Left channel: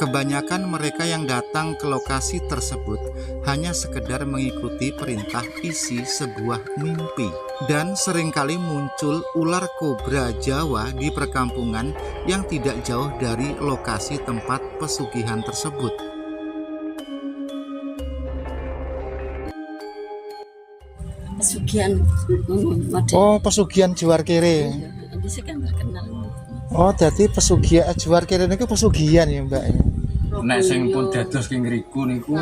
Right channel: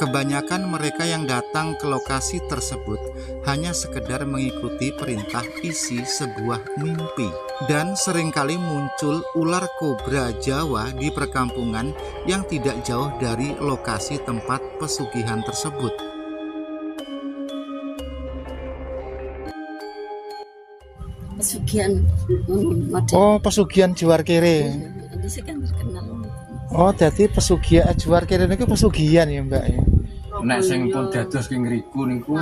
Kebanyakan mereka yang datang ke lokasi tersebut hanya sekedar mengikuti perintah isi sebuah mimpi. Dan seringkali muncul ular kobra Jawa di perkampungan yang tidak jauh dari lokasi tempat pesugihan tersebut. Pesugihan Oh, pesugihan Juar Kere. ini sih kan terkenal. Oh, jadi pesugihan Juar Kere niku pesugihan ya, Mbak. Nek sing pun dados king ngriku niku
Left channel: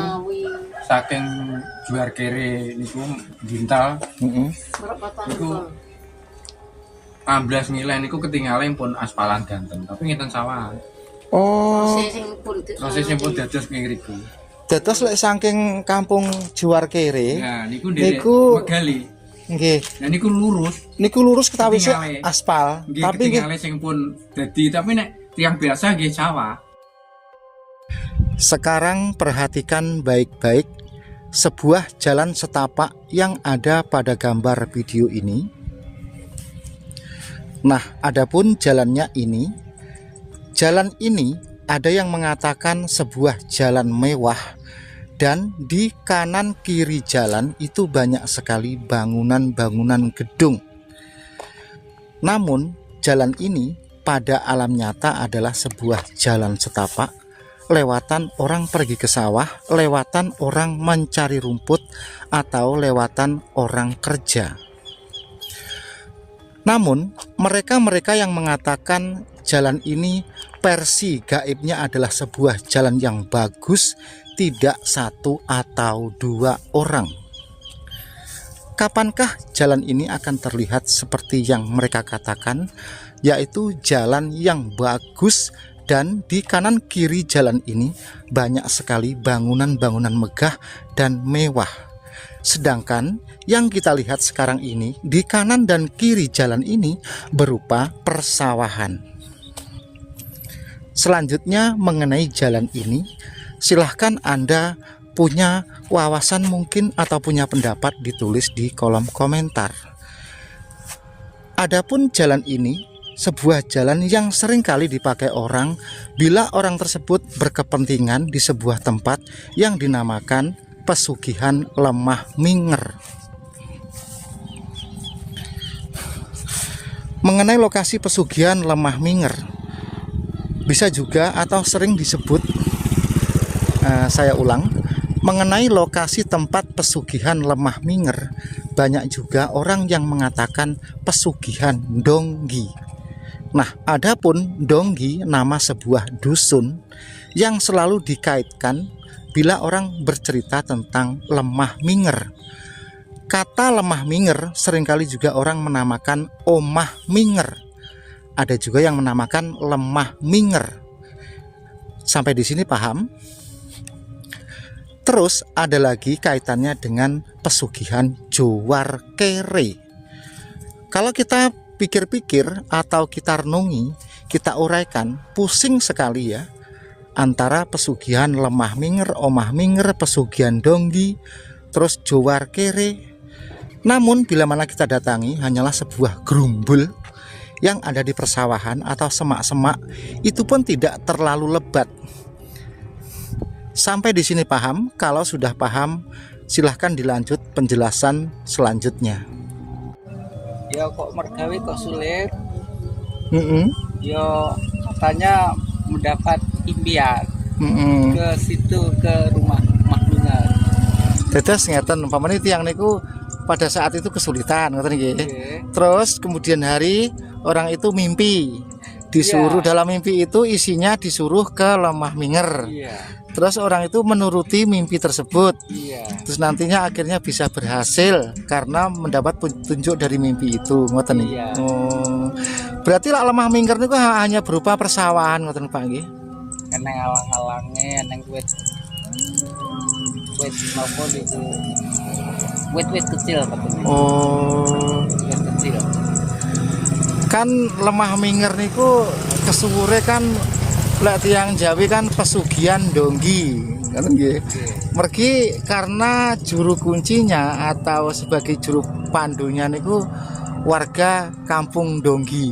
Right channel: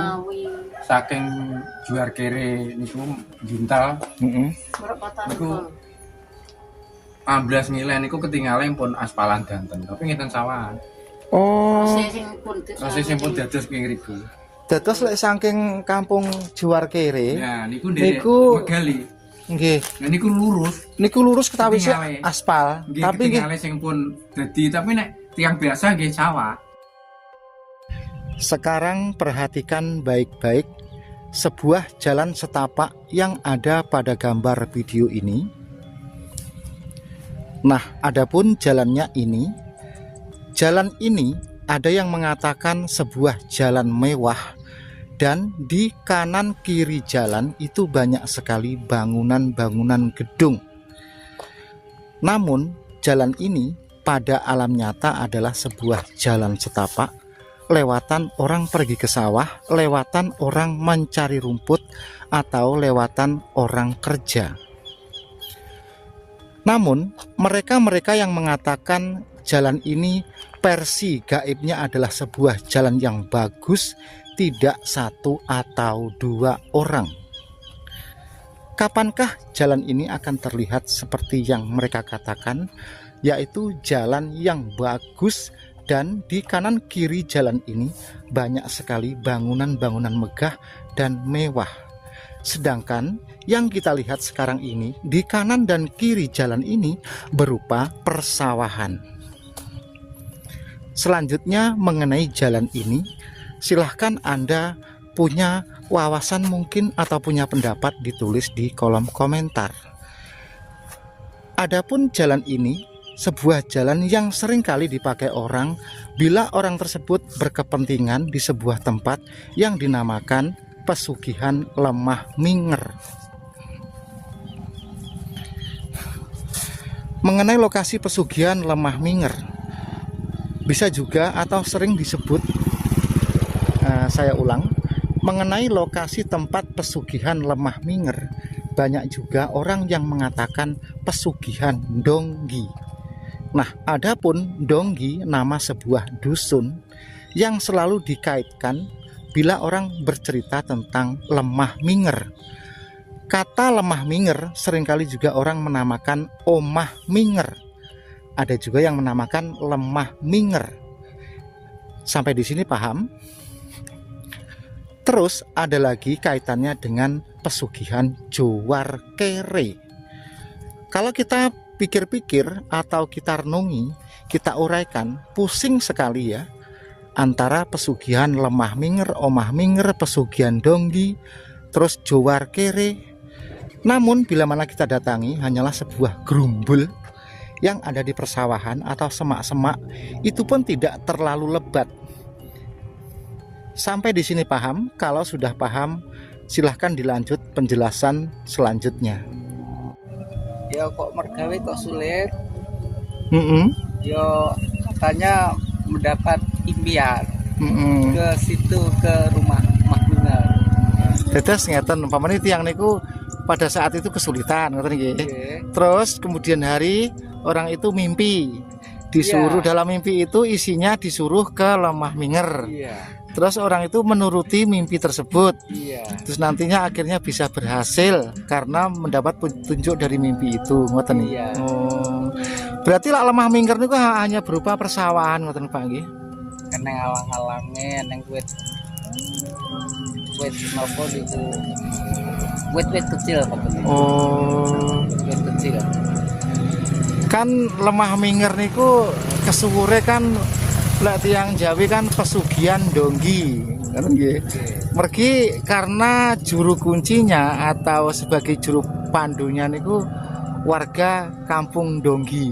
saking Juar Kere niku Jintal. Niku amblas ngilen niku ketinggalan pun aspalan danten, tapi ngeten sawahan. Oh, Masih sing pun dados king ngriku. dados lek saking kampung Juar Kere. Nah, niku dene Megali. Nggih. Nah niku lurus. Niku lurus ketawis Ketinggalan. aspal, Nggih tapi nggih ketinggalan sing pun dadi, tapi nek tiang biasa nggih sawah. sekarang perhatikan baik-baik sebuah jalan setapak yang ada pada gambar video ini. Nah, adapun jalannya ini, jalan ini ada yang mengatakan sebuah jalan mewah, dan di kanan kiri jalan itu banyak sekali bangunan-bangunan gedung. Namun, jalan ini pada alam nyata adalah sebuah jalan setapak, lewatan orang pergi ke sawah, lewatan orang mencari rumput, atau lewatan orang kerja. Namun, mereka-mereka yang mengatakan jalan ini versi gaibnya adalah sebuah jalan yang bagus, tidak satu atau dua orang. Kapankah jalan ini akan terlihat seperti yang mereka katakan, yaitu jalan yang bagus, dan di kanan kiri jalan ini banyak sekali bangunan-bangunan megah dan mewah. Sedangkan yang kita lihat sekarang ini, di kanan dan kiri jalan ini berupa persawahan. Selanjutnya mengenai jalan ini, silahkan Anda punya wawasan mungkin atau punya pendapat ditulis di kolom komentar. Adapun jalan ini sebuah jalan yang sering kali dipakai orang bila orang tersebut berkepentingan di sebuah tempat yang dinamakan pesugihan Lemah Minger. Mengenai lokasi pesugihan Lemah Minger, bisa juga atau sering disebut, saya ulang, mengenai lokasi tempat pesugihan Lemah Minger, banyak juga orang yang mengatakan pesugihan Donggi. Nah, adapun Donggi nama sebuah dusun yang selalu dikaitkan bila orang bercerita tentang Lemah Minger. Kata Lemah Minger seringkali juga orang menamakan Omah Minger. Ada juga yang menamakan Lemah Minger. Sampai di sini paham? Terus ada lagi kaitannya dengan pesugihan Juar Kere. Kalau kita pikir-pikir atau kita renungi, kita uraikan, pusing sekali ya, antara pesugihan Lemah Minger, Omah Minger, pesugihan Donggi, terus Juar Kere. Namun bila mana kita datangi hanyalah sebuah gerumbul yang ada di persawahan atau semak-semak, itu pun tidak terlalu lebat. Sampai di sini paham? Kalau sudah paham, silahkan dilanjut penjelasan selanjutnya. Ya kok mergawe kok sulit. Ya katanya mendapat impian ke situ, ke rumah Minger. Terus ngeten umpamane tiyang niku pada saat itu kesulitan ngoten nggih. Terus kemudian hari orang itu mimpi. Disuruh dalam mimpi itu isinya disuruh ke Lemah Minger. Terus orang itu menuruti mimpi tersebut. Terus nantinya akhirnya bisa berhasil karena mendapat petunjuk dari mimpi itu, ngoten nih. Berarti lah Lemah Minger niku hanya berupa persawahan, ngoten Pak nggih. Kena alang-alangnya neng wit apa gitu. Wit kecil. Oh. Kecil. Kan Lemah Minger niku kesuwure kan lek tiyang Jawi kan pesugihan Donggi, ngoten nggih. Mergi karena juru kuncinya atau sebagai juru pandunya niku warga kampung Donggi.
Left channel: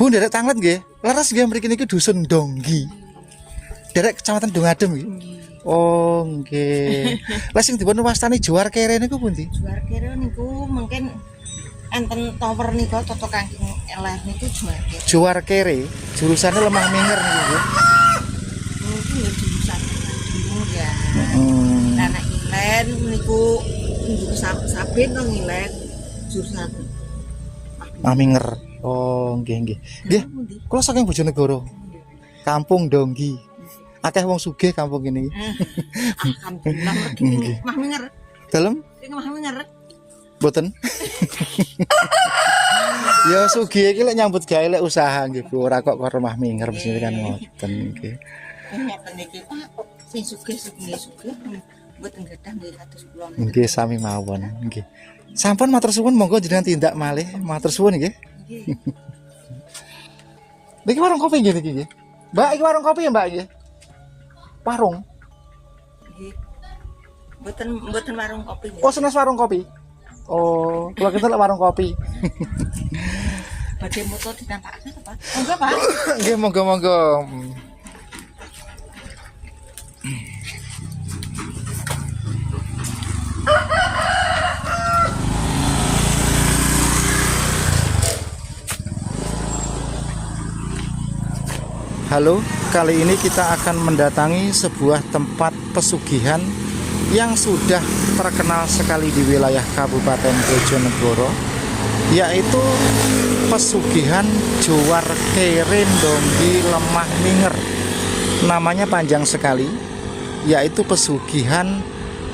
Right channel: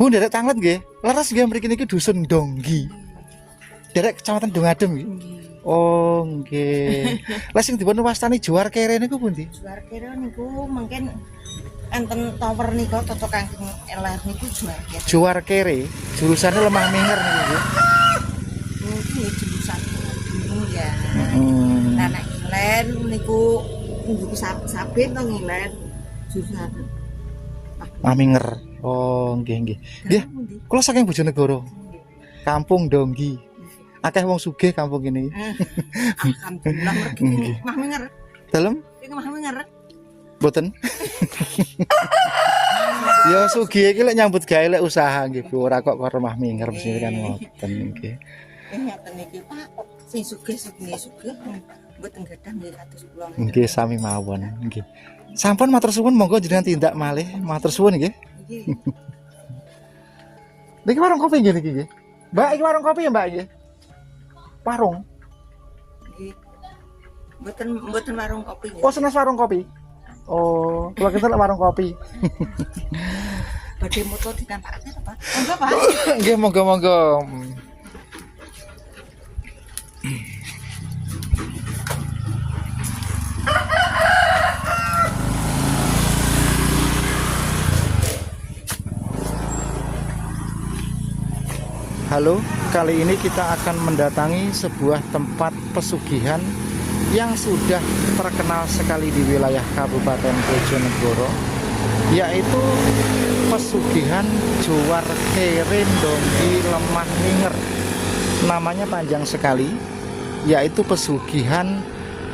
Bu nderek tanglet nggih. Laras nggih mriki niki dusun Donggi. Derek Kecamatan Dongadem nggih. Oh, nggih. Lah sing dipun wastani Juar Kere niku pundi? Juar kira niku mungkin enten tower nika toto kangking eleh niku juar kira. Juar Kere, jurusannya Lemah Minger niku. Mungkin ya jurusan dulu ya. Hmm. Nah nek ilen niku sabit to ngilen jurusan. Lemah Minger. Oh, nggih nggih. Nggih, kula saking Bojonegoro. Kampung Donggi. Akeh wong sugih kampung ini. Alhamdulillah. Nggih. Mah minger. Dalem Iki mah minger. boten. Ya sugih iki lek nyambut gawe lek usaha nggih Bu, ora kok Lemah Minger mesti kan ngoten nggih. Ngeten iki Pak, sing sugih-sugih mboten gadah nggih kados kula. Nggih sami mawon nggih. Sampun matur suwun monggo jenengan tindak malih. Matur suwun nggih. Niki warung kopi nggih niki nggih. Mbak, iki warung kopi ya, Mbak nggih. Warung. Nggih. Mboten warung kopi nggih. Oh, senes warung kopi. Oh, kalau kita warung kopi. Badhe moto ditampakake to Pak. Monggo Pak. Nggih, monggo-monggo. Halo, kali ini kita akan mendatangi sebuah tempat pesugihan yang sudah terkenal sekali di wilayah Kabupaten Bojonegoro, yaitu pesugihan Juar Kere Donggi Lemah Minger. Namanya panjang sekali, yaitu pesugihan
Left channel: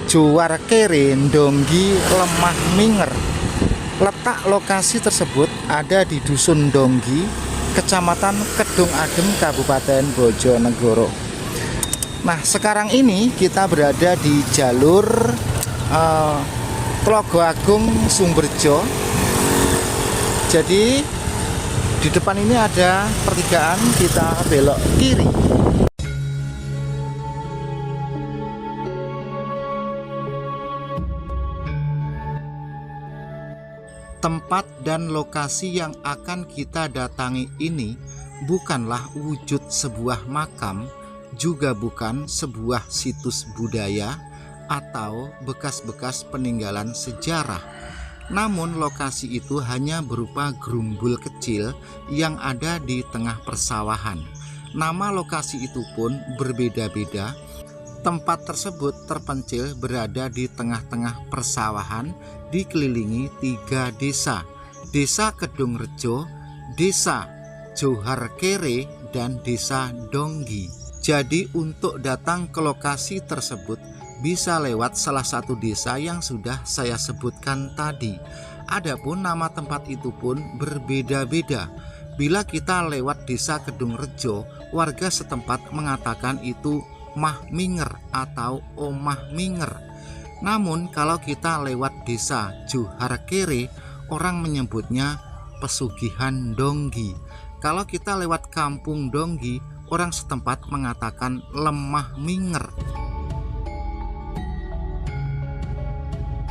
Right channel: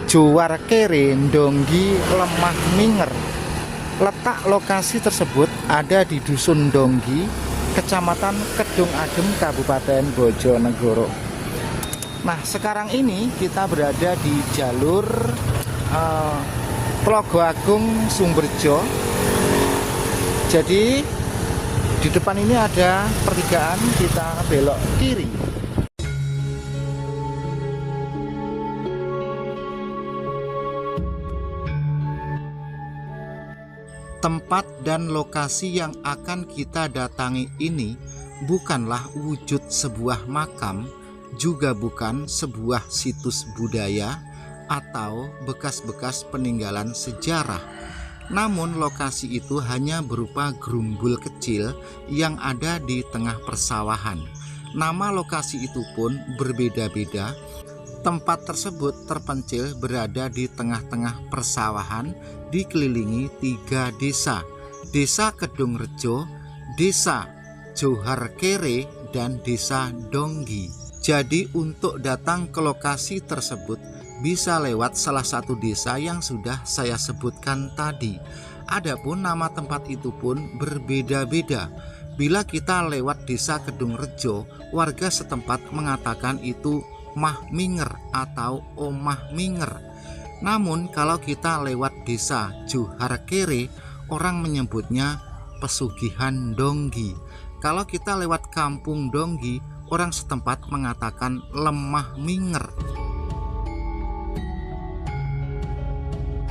Juar Kere Donggi Lemah Minger. Letak lokasi tersebut ada di Dusun Donggi, Kecamatan Kedung Adem, Kabupaten Bojonegoro. Nah, sekarang ini kita berada di jalur Tlaga Agung Sumberjo. Jadi di depan ini ada pertigaan, kita belok kiri. Tempat dan lokasi yang akan kita datangi ini bukanlah wujud sebuah makam, juga bukan sebuah situs budaya atau bekas-bekas peninggalan sejarah. Namun lokasi itu hanya berupa gerumbul kecil yang ada di tengah persawahan. Nama lokasi itu pun berbeda-beda. Tempat tersebut terpencil berada di tengah-tengah persawahan, dikelilingi 3 desa: Desa Kedung Rejo, Desa Juar Kere, dan Desa Donggi. Jadi untuk datang ke lokasi tersebut bisa lewat salah satu desa yang sudah saya sebutkan tadi. Adapun nama tempat itu pun berbeda-beda. Bila kita lewat Desa Kedung Rejo, warga setempat mengatakan itu Mah Minger atau Omah Minger. Namun kalau kita lewat Desa Juar Kere, orang menyebutnya Pesugihan Donggi. Kalau kita lewat Kampung Donggi, orang setempat mengatakan Lemah Minger.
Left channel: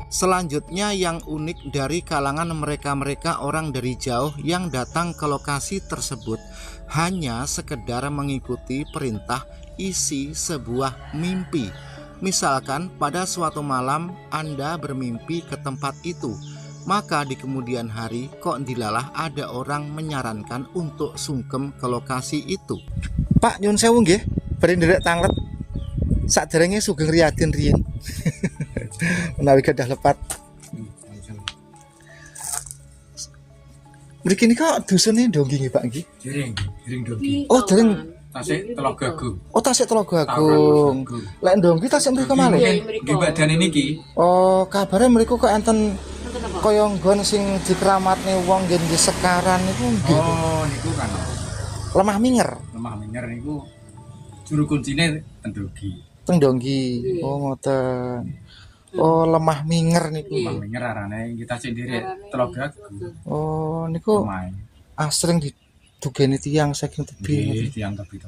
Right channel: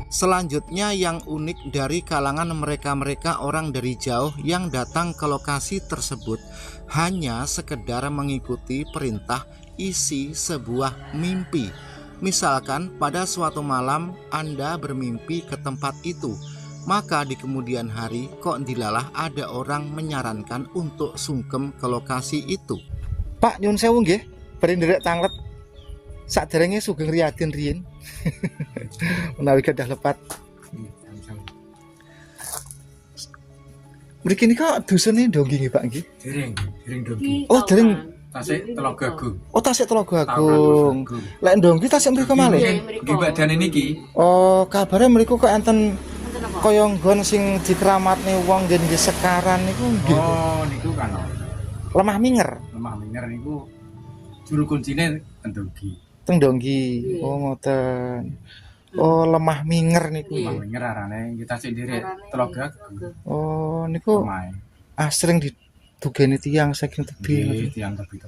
Selanjutnya yang unik dari kalangan mereka-mereka orang dari jauh yang datang ke lokasi tersebut hanya sekedar mengikuti perintah isi sebuah mimpi. Misalkan pada suatu malam Anda bermimpi ke tempat itu, maka di kemudian hari kok dilalah ada orang menyarankan untuk sungkem ke lokasi itu. Pak nyun sewu nggih, bari nderek tanglet saderenge sugeng riyaden riyin. Menawi gadah lepat. Mriki nika dusune Donggi nggih Pak nggih. Dereng Donggi. Oh, dereng. Tasik Tlaga Agung. Oh, Tasik Tlaga Agung. Lek Donggi tasik mriku malih. Nggih badane niki. Oh, kabare mriku kok enten kaya nggon sing dikeramatne wong nggih di Sekaran niku nggih. Oh, niku kan. Lemah Minger. Lemah Minger niku juru kuncine Donggi. Teng Donggi. Oh, ngoten. Oh, Lemah Minger niku. Lemah Minger arane kita sik nderek Tlaga Agung. Oh, niku Omahe. asring didugeni tiyang saking tebih. Nggih, tiyang tebi.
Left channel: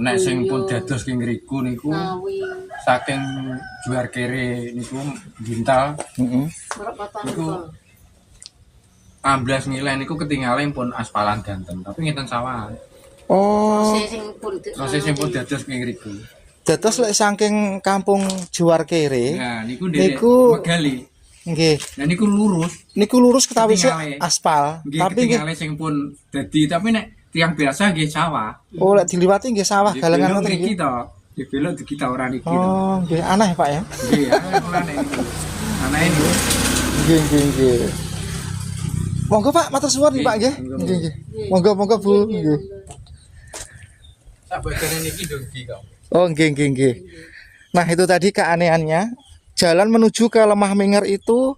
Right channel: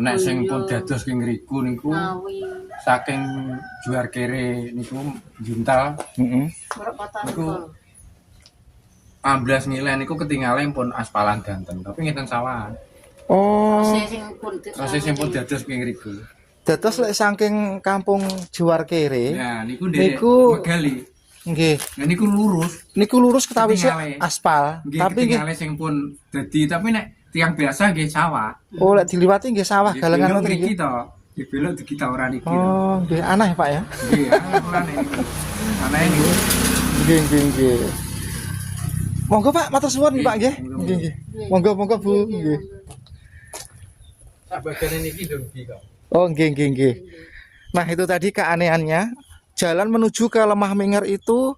Nek sing pun dados king ngriku niku saking Juar Kere niku Bintal. Heeh. Niku amblas ngilen niku ketinggalan pun aspalan ganten, tapi ngeten sawahan. Oh, Rasa sing pun dados king ngriku. dados lek saking kampung Juwarkere. Nah, niku dene Niku- megali. Nggih. Nah niku lurus. Niku lurus ketawis Ketinggalan. aspal, Nggih tapi nggih ketinggalan sing pun dadi, tapi nek tiang biasa nggih sawah. oh lek diliwati nggih sawah Nggih galengan belok ngoten mriki nggih. to. Nggih belok di kita ora niki to. Oh, nggih aneh Pak ya. Nggih, ora nek niku. Ana ini. Nggih, nggih, nggih. Monggo Pak, matur suwun Pak nggih. Nggih, nggih. Monggo Bu, nggih. Sak bagane niki dongki kok. Oh, nggih, nggih, nggih. Nah, itu tadi keanehannya. Jalan menuju ke Lemah Minger itu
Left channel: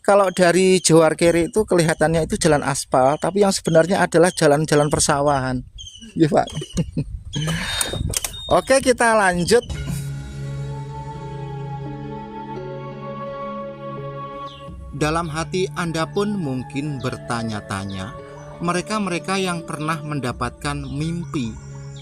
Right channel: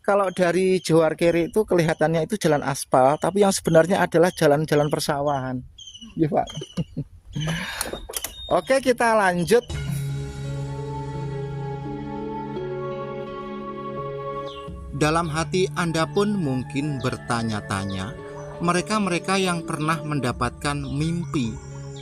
kalau dari Juwarkere itu kelihatannya itu jalan aspal, tapi yang sebenarnya adalah jalan-jalan persawahan. Iya, Pak. Oke, kita lanjut. Dalam hati Anda pun mungkin bertanya-tanya, mereka-mereka yang pernah mendapatkan mimpi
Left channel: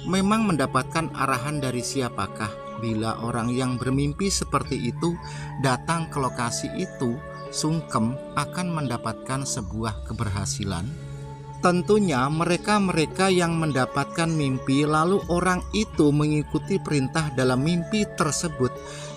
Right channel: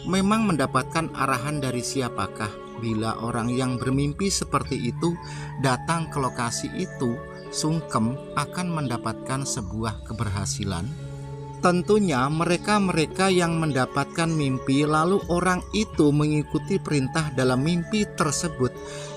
memang mendapatkan arahan dari siapakah bila orang yang bermimpi seperti itu datang ke lokasi itu sungkem akan mendapatkan sebuah keberhasilan? Tentunya mereka-mereka yang mendapatkan mimpi lalu orang itu mengikuti perintah dalam mimpi tersebut,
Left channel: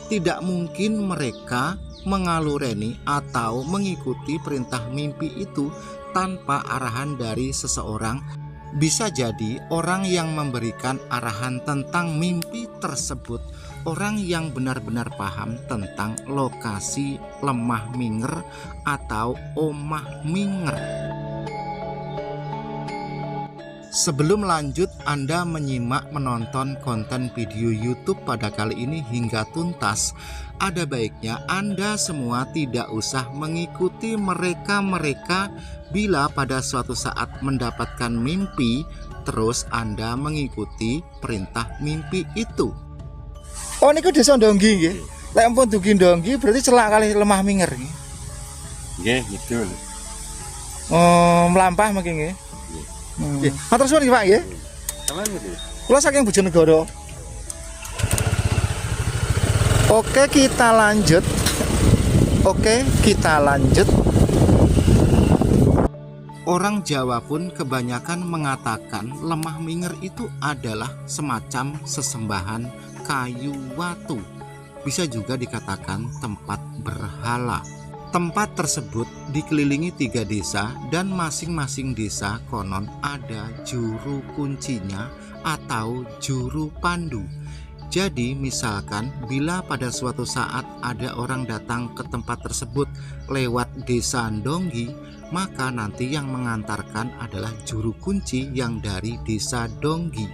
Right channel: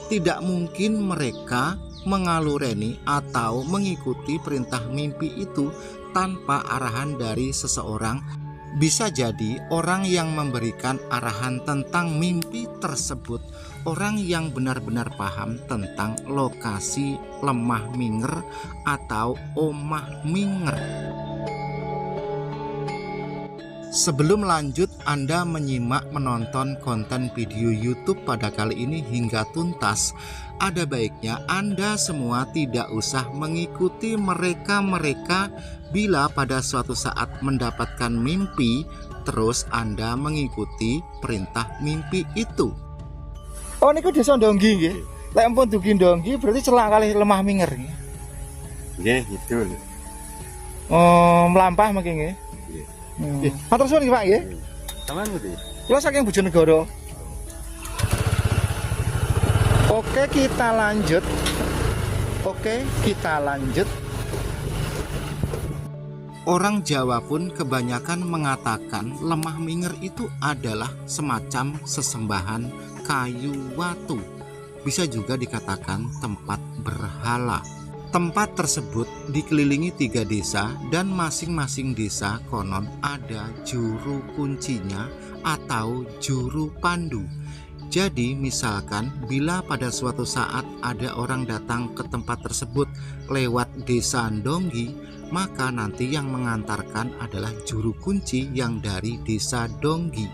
tidak mungkin mereka mengalureni atau mengikuti perintah mimpi itu tanpa arahan dari seseorang. Bisa jadi orang yang memberikan arahan tentang mimpi tersebut orang yang benar-benar paham tentang lokasi Lemah Minger atau Omah Minger. Sebelum lanjut, Anda menyimak menonton konten video YouTube pada kali ini hingga tuntas, ada baiknya Anda semua tidak usah mengikuti mereka-mereka bila pada suatu saat mendapatkan mimpi, terus Anda mengikuti perintah mimpi itu. Oh, niku desa Donggi nggih. Lek ampun dugi Donggi berarti celak kali Lemah Minger nggih. Nggih, betul. Oh, melampah mungkin nggih. Nggih. Matur suwun nggih Pak nggih. Kula saking Bojonegoro. Oke, kita lanjut. Orang Jawa pun kebanyakan mengatakan Lemah Minger itu adalah semacam sesembahan kayu watu. Bisa juga dikatakan tempat berhala. Tempat tersebut dikelilingi 3 desa dan masing-masing desa konon ada juru kuncinya atau juru pandu. Jadi misalkan bila pada suatu saat ada orang datang ke tempat tersebut lewat desa Donggi, maka nanti yang mengantarkan adalah juru kunci yang dari desa Donggi.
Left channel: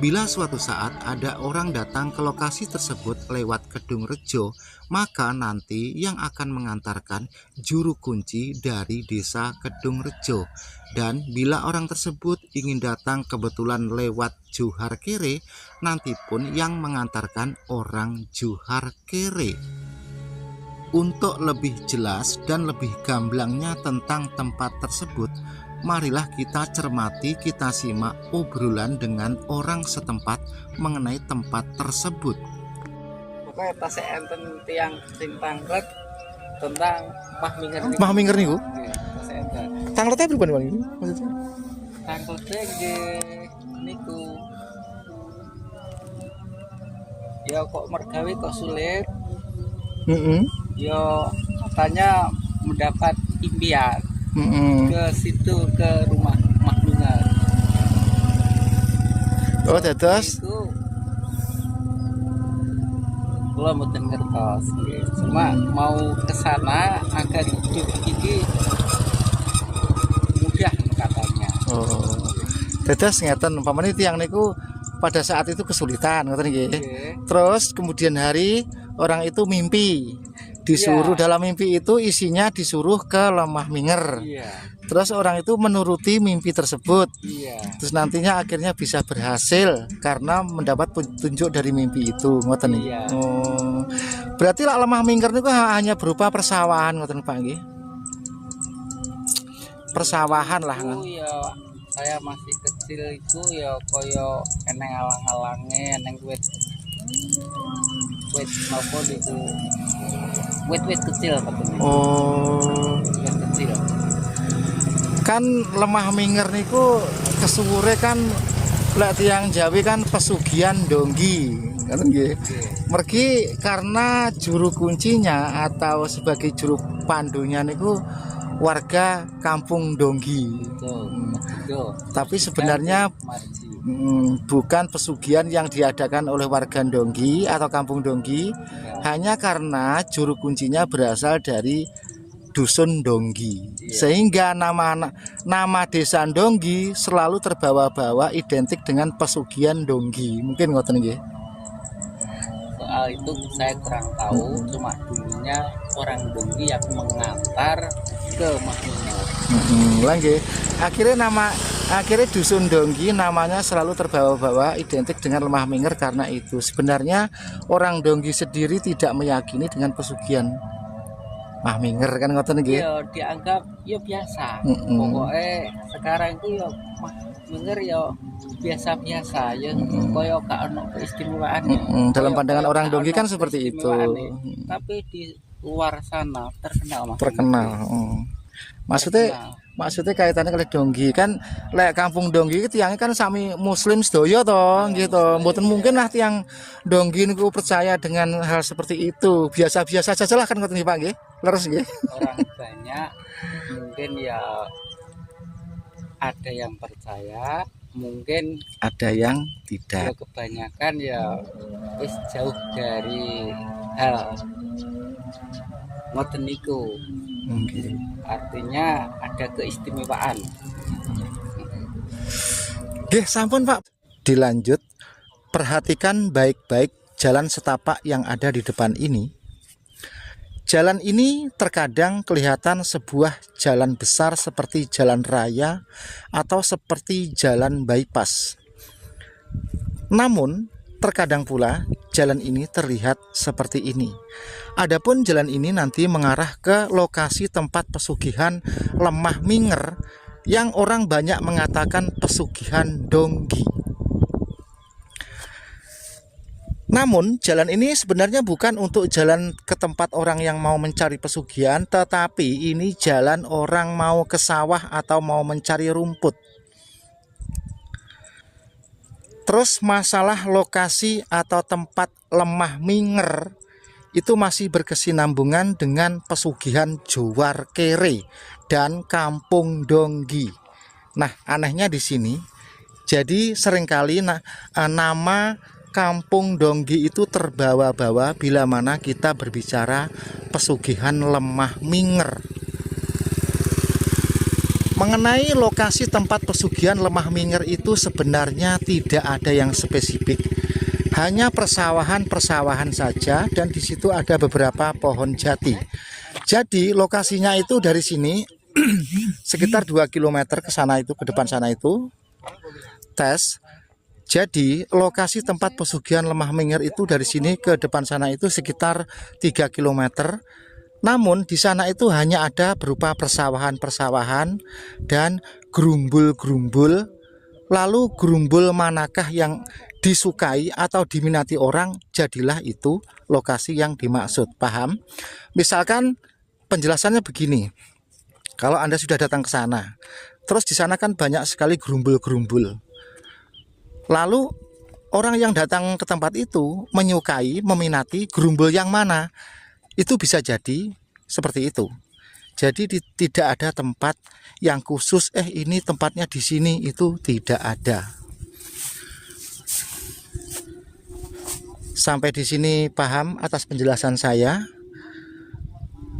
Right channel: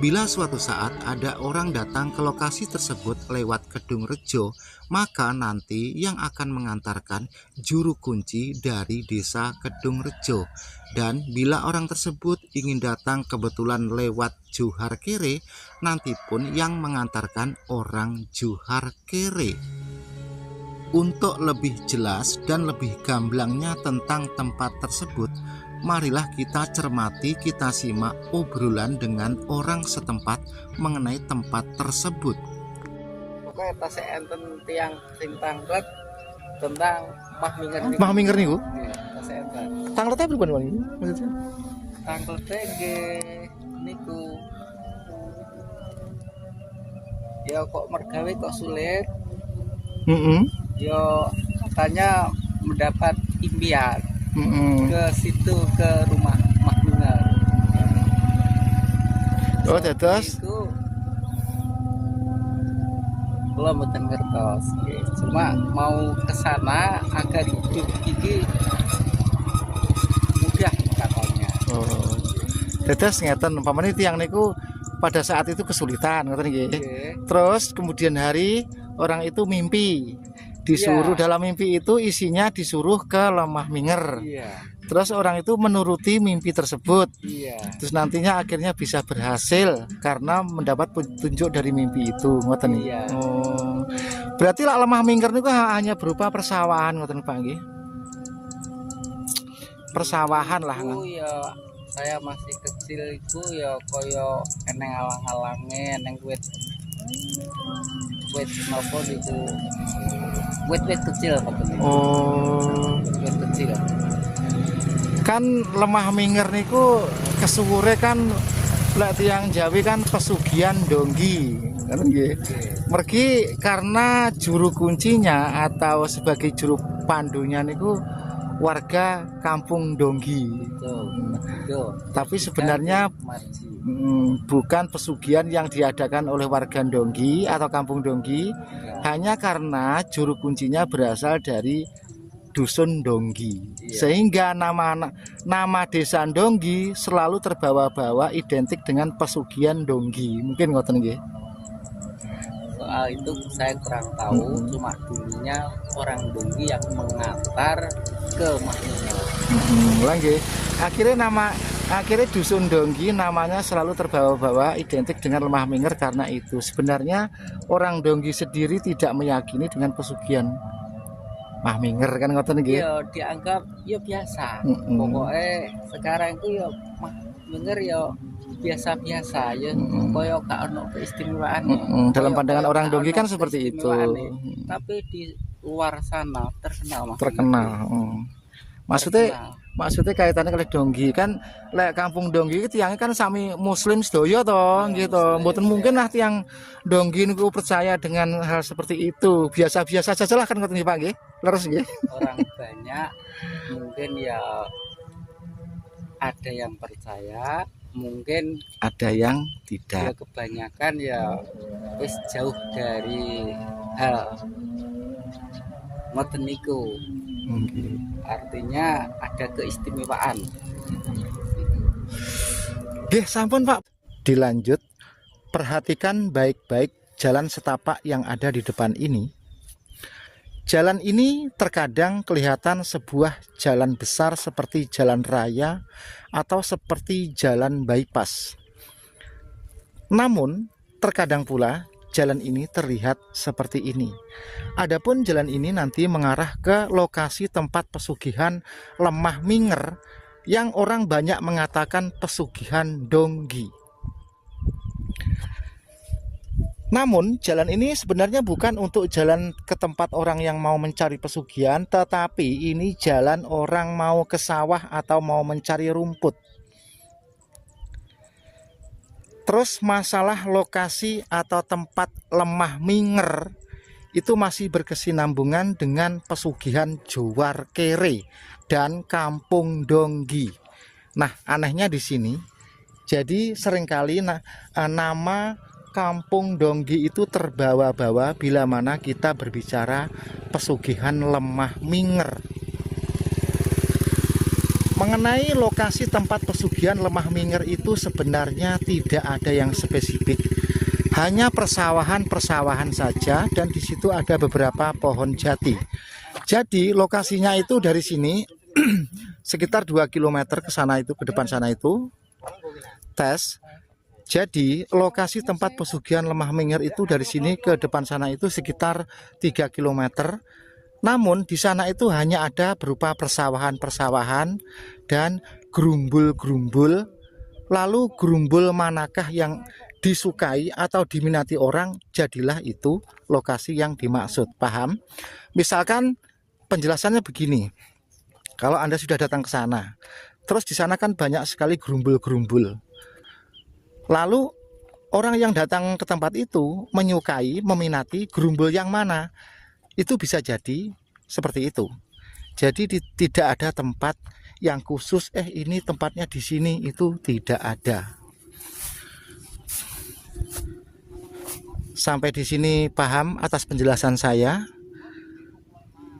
Bila suatu saat ada orang datang ke lokasi tersebut lewat Kedung Rejo, maka nanti yang akan mengantarkan juru kunci dari desa Kedung Rejo. Dan bila orang tersebut ingin datang kebetulan lewat Juwarkere, nanti pun yang mengantarkan orang Juwarkere. Untuk lebih jelas dan lebih gamblangnya tentang tempat tersebut, marilah kita cermati, kita simak obrolan dengan orang setempat mengenai tempat tersebut. Pokoknya tas enten tiang tentang Mah Minger. Mah Minger niku? Tas enten. Tangletnya berapa Bang? Tangkotnya niku. Ya kok mergawe kok sulit. Ya katanya mendapat impian. Ke situ, ke rumah Mah Minger. Oh, dados Itu belum mboten ngertos. Cuma mau ke sana agar hidup ini mudah katanya. oh. Dados ngeten umpamane tiyang niku pada saat itu kesulitan ngoten nggih. Terus kemudian hari orang itu mimpi. Disuruh dalam mimpi itu isinya disuruh ke Lemah Minger. Iya. Terus orang itu menuruti mimpi tersebut. Iya. Terus nantinya akhirnya bisa berhasil karena mendapat petunjuk dari mimpi itu, ngoten nggih. Iya. Oh. Berarti lah Lemah Minger niku hanya berupa persawahan ngoten Pak nggih. Persawahan lah kan. Oh ya, saya masih kecil itu ya koyo eneng alang-alange, eneng wit nopo itu. Wit kecil. Oh. Wit kecil. Kan lemah minger niku kesuwure kan lek tiyang Jawi kan pesugihan donggi, ngono nggih. Mergi karena juru kuncinya atau sebagai juru pandunya niku warga kampung Donggi. Tapi sebenarnya bukan pesugihan yang diadakan oleh warga Donggi atau kampung Donggi, hanya karena juru kuncinya berasal dari dusun Donggi, sehingga nama desa Donggi selalu terbawa-bawa identik dengan pesugihan Donggi. Mungkin ngoten nggih. Soal itu saya kurang tahu, cuma dulunya orang Donggi yang mengantar ke Mahminger. Lagi akhirnya dusun Donggi namanya selalu terbawa-bawa identik dengan lemah minger karena itu. Sebenarnya orang Donggi sendiri tidak meyakini dengan pesugihan Mahminger kan ngoten nggih. Ya dianggap ya biasa. Pokoknya sekarang itu ya Mahminger ya biasa-biasa ya. Koyo gak ono keistimewaan. Dalam pandangan orang Donggi kan seperti itu. Tapi di luar sana terkenal. Terkenal. Maksudnya kaitannya kali Donggi kan lek kampung Donggi itu tiangnya kan sami muslim sedoyo toh gitu. Mboten mungkin lah tiang Donggi niku percaya dengan hal seperti itu. Biasa-biasa saja lah kan ngoten nggih Pak nggih. Leres nggih. Orang banyak mungkin ya ada yang percaya, mungkin Ada yang ya tidak. kebanyakan ya wis jauh dari hal ngoten niku. Artinya ada keistimewaan. Nggih, sampun Pak. Dilanjut, perhatikan baik-baik jalan setapak yang ada di depan ini. Jalan ini terkadang kelihatan sebuah jalan besar seperti jalan raya atau seperti jalan bypass. Namun, terkadang pula jalan ini terlihat seperti ini. Adapun jalan ini nanti mengarah ke lokasi tempat pesugihan lemah minger yang orang banyak mengatakan pesugihan Donggi. Namun jalan ini sebenarnya bukan untuk jalan ke tempat orang yang mau mencari pesugihan, tetapi ini jalan orang mau ke sawah atau mau mencari rumput. Terus masalah lokasi atau tempat lemah minger itu masih berkesinambungan dengan pesugihan Jowar Kere dan kampung Donggi. Nah, anehnya di sini, jadi seringkali nama kampung Donggi itu terbawa-bawa bila mana kita berbicara pesugihan lemah minger. Mengenai lokasi tempat pesugihan lemah minger itu sebenarnya tidak ada yang spesifik, hanya persawahan-persawahan saja, dan di situ ada beberapa pohon jati. Jadi lokasinya itu dari sini sekitar 2 km ke sana itu, ke depan sana itu tes. Jadi lokasi tempat pesugihan lemah minger itu dari sini ke depan sana itu sekitar 3 km. Namun di sana itu hanya ada berupa persawahan-persawahan dan gerumbul-gerumbul. Lalu gerumbul manakah yang disukai atau diminati orang, jadilah itu lokasi yang dimaksud. Paham? Misalkan penjelasannya begini. Kalau Anda sudah datang ke sana, terus di sana kan banyak sekali gerumbul-gerumbul. Lalu orang yang datang ke tempat itu menyukai, meminati gerumbul yang mana? Itu bisa jadi seperti itu. Jadi tidak ada tempat yang khusus, ini tempatnya di sini, itu tidak ada. Sampai di sini paham atas penjelasan saya?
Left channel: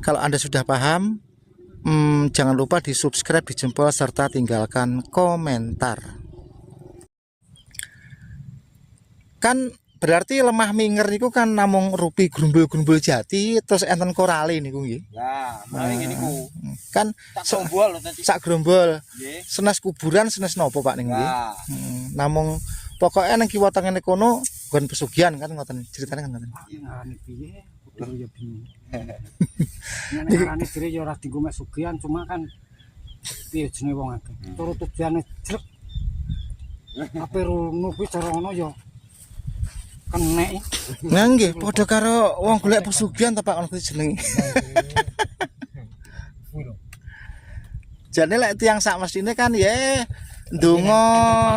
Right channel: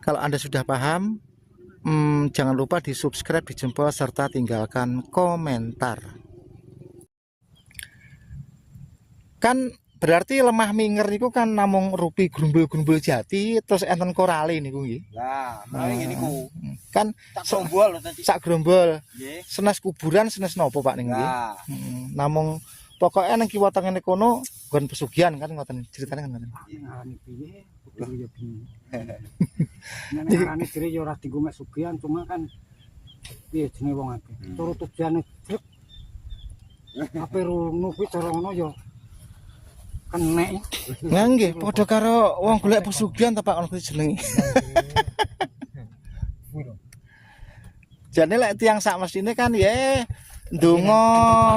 Kalau Anda sudah paham, jangan lupa di subscribe, di jempol, serta tinggalkan komentar. Kan berarti lemah minger niku kan namung rupi gerumbul-gerumbul jati terus enten korale niku nggih. Nah, ini niku. Kan sak gerombol. Senes kuburan, senes nopo Pak niku nggih. Namung pokoknya nang kiwa tengene kono nggon pesugihan kan ngoten ceritane kan ngoten. Ngarane piye? Kudu yo bingung. Ngarane kire yo ora dienggo mek sugihan, cuma kan piye jenenge wong akeh. Turut tujuane jrek. Apa rungu kuwi cara ngono yo kenek. Nah nggih padha karo wong golek pesugihan to Pak ngono kuwi jenenge. Jadi lek tiang sak mesine kan ya ndonga.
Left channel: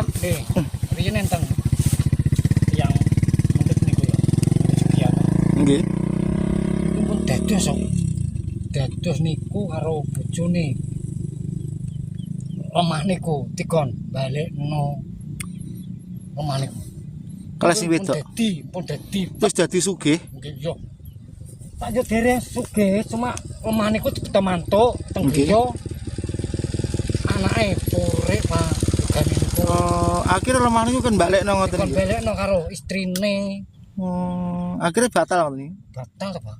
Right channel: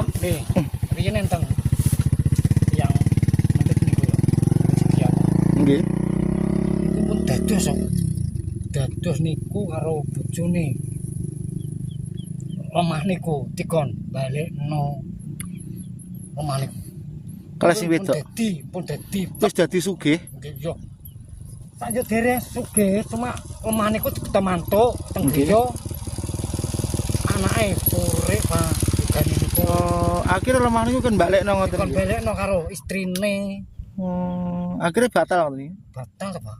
Riyen enten yang mendhet niku ya. Nggih. Iku pun dados kok. Dados niku karo bojone. Omah niku dikon balekno omah niku. Kelas sing wedok. Pun dadi Terus dadi sugih. nggih yo. Tak yo dereng sugih cuma omah niku ditemantuk teng Nggih. griya. Anake urip Pak. Gane niku Oh, akhirnya lemah niku kan balekno ngoten kon niku. balekno karo istrine. Akhirnya batal ngoten niku. Batal ta, Pak?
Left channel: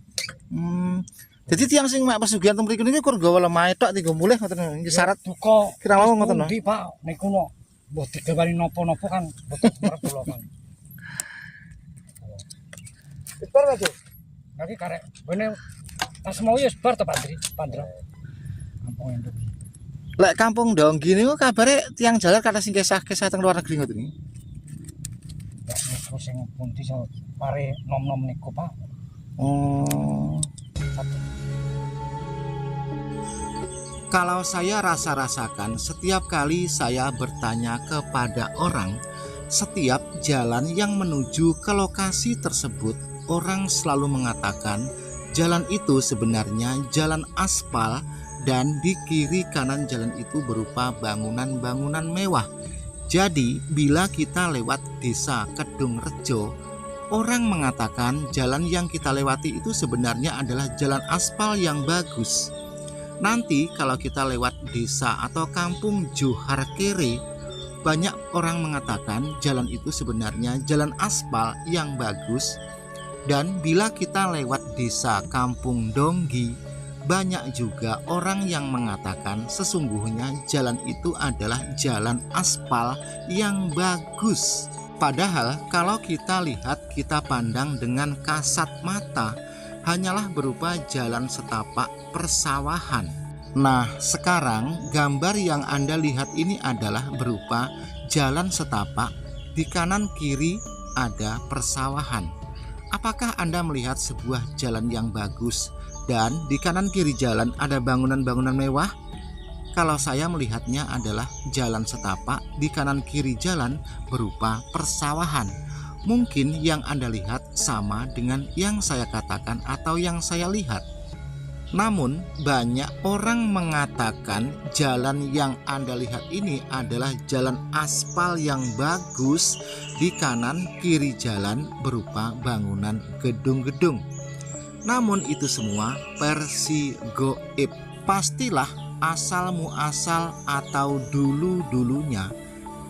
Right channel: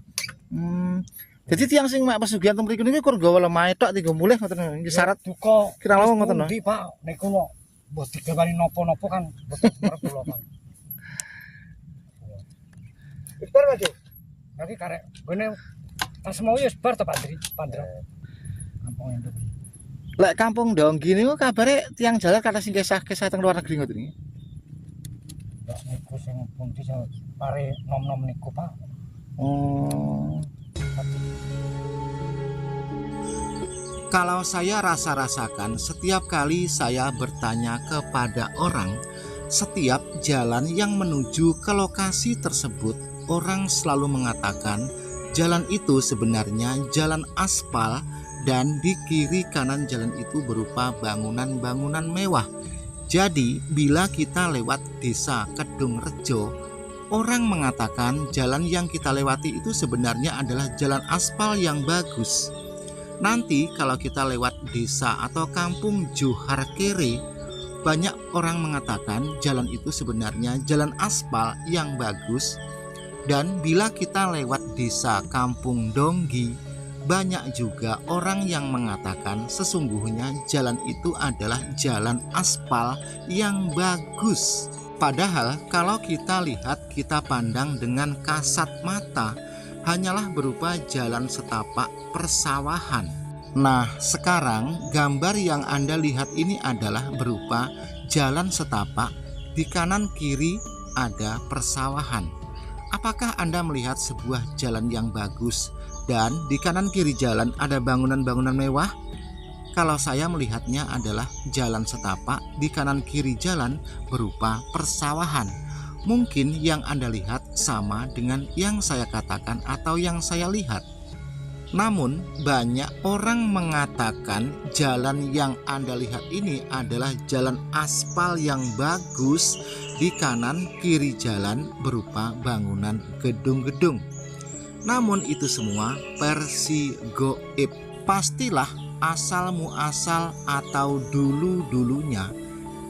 Jadi tiang sing mak pesugihan teng mriki niku kur gawa lemah tok tinggal mulih ngoten niku. Iki syarat duka. Kira lawang ngoten, no? Ndi, Pak? Niku no mbok digawani napa-napa kan boten marep kula kan. Victor Mas. Lagi karek ngene pas mau ya sebar ta Pak Andri, Pandra. Kampung Induk. lek kampung Donggi niku kabare tiang jalan kata sing kisah-kisah teng luar negeri ngoten niku. Ya niku sing pundi sing pare nom-nom niku, Pak. Kalau saya rasa-rasakan setiap kali saya bertanya kepada orang, setiap jalan yang menuju ke lokasi tersebut, orang selalu mengatakan jalan itu sebenarnya jalan aspal dan di kiri kanan jalan itu berupa bangunan-bangunan mewah. Jadi bila kita lewat desa Kedung Rejo, orang mengatakan jalan yang kita lewati itu sebenarnya adalah jalan aspal yang bagus. Nanti kalau kita lewat desa atau kampung Johar Kere, banyak orang mengatakan jalan itu sebenarnya jalan aspal yang bagus. Dan bila kita lewat desa kampung Donggi, banyak juga orang yang mengatakan sesungguhnya jalan itu adalah jalan aspal yang bagus. Padahal kalau kita lihat, kita pandang dengan kasat mata, hanyalah berupa jalan setapak persawahan. Nah, sekarang gambar yang Anda lihat ini adalah berupa jalan setapak, di kanan kiri ada persawahan. Apakah Anda melihat sebuah jalan yang bagus dan di kanan kiri jalan ada bangunan-bangunan mewah? Kalau saya melihatnya adalah jalan setapak, di kanan kiri jalan berupa persawahan. Mungkin yang Anda lihat sama dengan yang saya katakan atau yang saya lihat. Namun banyak orang mengatakan jalan yang Anda lihat ini adalah jalan aspal yang bagus, di kanan kiri jalan berupa bangunan gedung-gedung. Namun itu semua versi goib. Pastilah asal muasal atau dulu-dulunya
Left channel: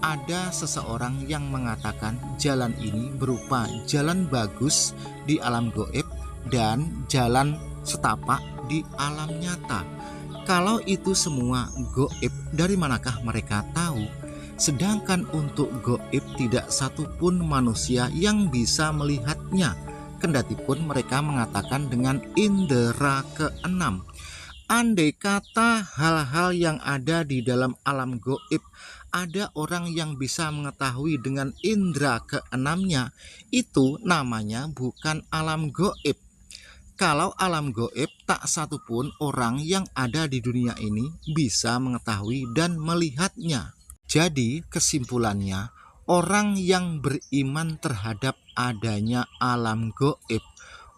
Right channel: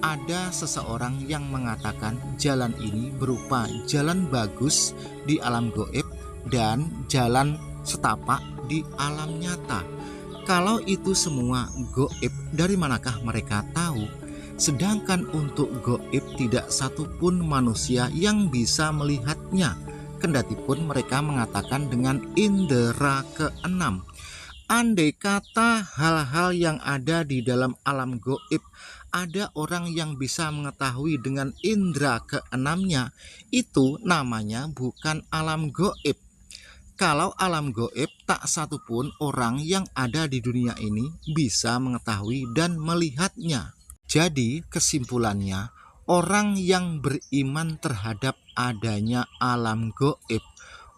ada seseorang yang mengatakan jalan ini berupa jalan bagus di alam goib dan jalan setapak di alam nyata. Kalau itu semua goib, dari manakah mereka tahu? Sedangkan untuk goib tidak satupun manusia yang bisa melihatnya, kendatipun mereka mengatakan dengan indera keenam. Andai kata hal-hal yang ada di dalam alam goib, ada orang yang bisa mengetahui dengan indera keenamnya, itu namanya bukan alam goib. Kalau alam goib, tak satupun orang yang ada di dunia ini bisa mengetahui dan melihatnya. Jadi kesimpulannya, orang yang beriman terhadap adanya alam goib,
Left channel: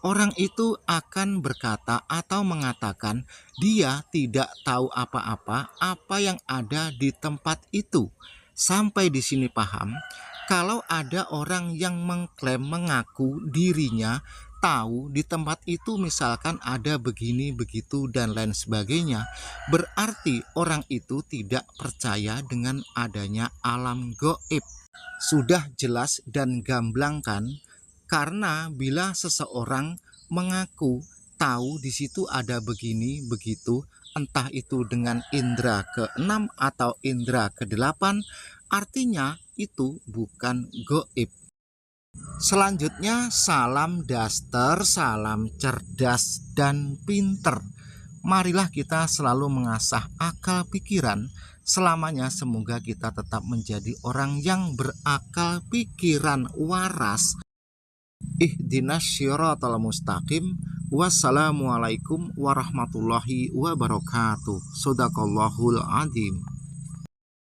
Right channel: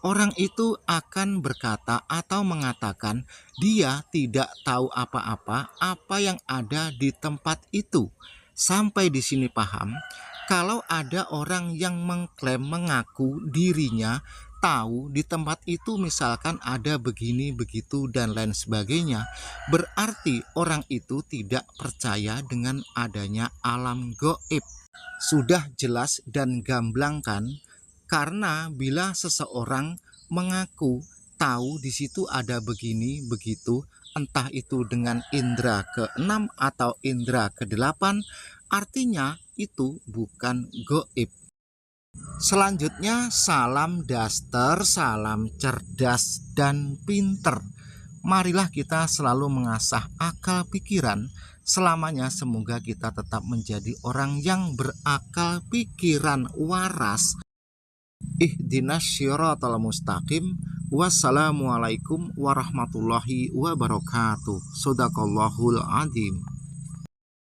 orang itu akan berkata atau mengatakan dia tidak tahu apa-apa apa yang ada di tempat itu. Sampai di sini paham? Kalau ada orang yang mengklaim mengaku dirinya tahu di tempat itu misalkan ada begini begitu dan lain sebagainya, berarti orang itu tidak percaya dengan adanya alam goib. Sudah jelas dan gamblang kan? Karena bila seseorang mengaku tahu di situ ada begini begitu, entah itu dengan indera ke-6 atau indera ke-8, artinya itu bukan goib. Selanjutnya, salam daster, salam cerdas dan pinter. Marilah kita selalu mengasah akal pikiran. Selamanya semoga kita tetap menjadi orang yang berakal pikiran waras. Ihdinas syiratal mustaqim, Wassalamualaikum warahmatullahi wabarakatuh. Shadaqallahul adzim.